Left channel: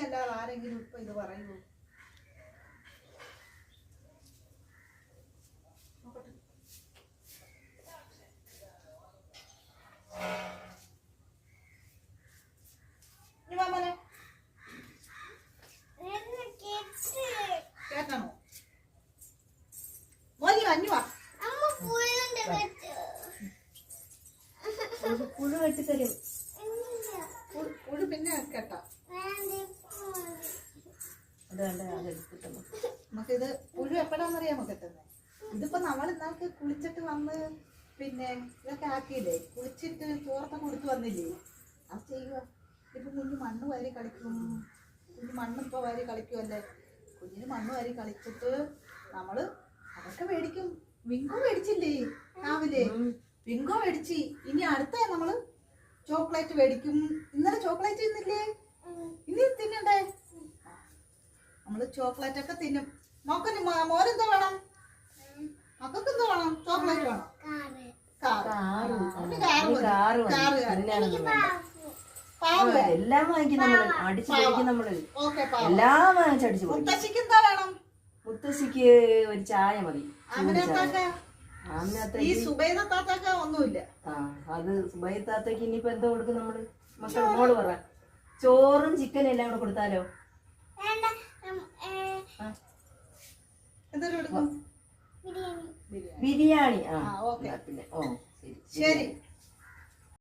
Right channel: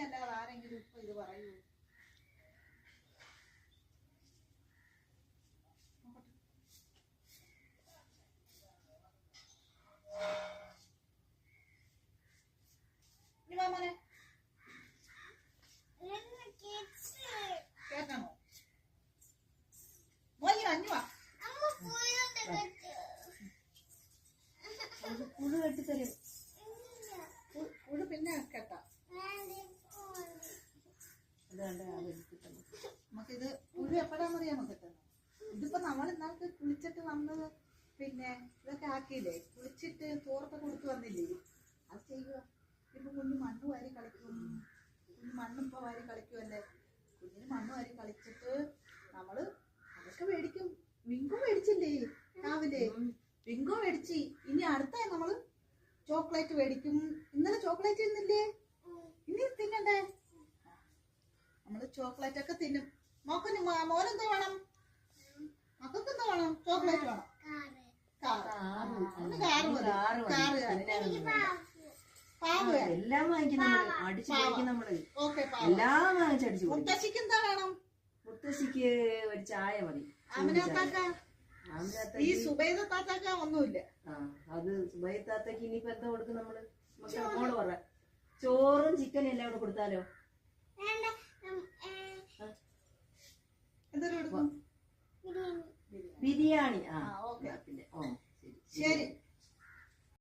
അല്ലാതെ ആരെങ്കിലും ഇപ്പൊ ഇത് പറയൂ? കേട്ടണോ? മോനി അഞ്ഞുവാ പുഴു കെട്ടിത്തരും. പുഴു പിന്നെ കേട്ടാ നമുക്കിത് പുഴു എപ്പോഴാന്നറിയാമോ കിട്ടുന്നത്? ഇതിപ്പോ നമ്മൾ ഇന്നാൾക്ക് കുളിച്ചിട്ട് വന്ന് പിന്നെ ഇതൊക്കെ ആക്കിയില്ലേ, കുളിച്ചിട്ട് ചോറൊക്കെ കൊടുത്തു വന്നില്ലേ, അത് ചെയ്യുക. ഇപ്പൊ കുഞ്ഞ് മണ്ണ് വാരി കളിക്കും, കുഞ്ഞ് മണ്ണിപ്പോ വാരി കളിക്കുമല്ലേ, കുഞ്ഞിന് മണ്ണ് വാരി കളിച്ചിട്ട് നമ്മള് അതൊക്കെ മേടിക്കും. വിങ്കോ മേടിച്ചില്ലേ രാവിലെ? വിങ്കോ മേടിച്ച് ഇനി അടുത്ത നമ്മള് ചോക്ലേറ്റ് മേടിക്കും. ഇന്നലെ ചോക്ലേറ്റ് തിന്നില്ലേ? ഇനി തിന്നണ്ടേ? നമ്മള് ചോക്ലേറ്റ് ഒക്കെ തിന്നും. മോക്കന് മോനെന്താ വേണം? മക്കൾക്ക് എന്താ വേണം? ചോക്ലേറ്റ് വേണം. എല്ലാം വാങ്ങിക്കും നമ്മള്, അടിച്ചു കഴിക്കും നമ്മള്. എല്ലാം വാങ്ങിച്ചടിച്ചു. മുത്തശ്ശിക്ക് എന്താ വേണം? മുത്തശ്ശിക്ക് ഒരു ചായ മതി. ഈ സുബൈദ താത്താക്ക ഒന്നുമില്ല. അത് സുബൈദ താത്തക്ക് ഇനിയിപ്പോ എന്താ കൊടുക്കും നമ്മള്? മക്കള് മോള് പറ. ചോറും ചിക്കനും എല്ലാം കൂടെ കൊടുത്താലോ? എന്തൊരു കൊടുക്കും? ബിരിയാണി. ഓക്കെ, പിന്നെ ശരി.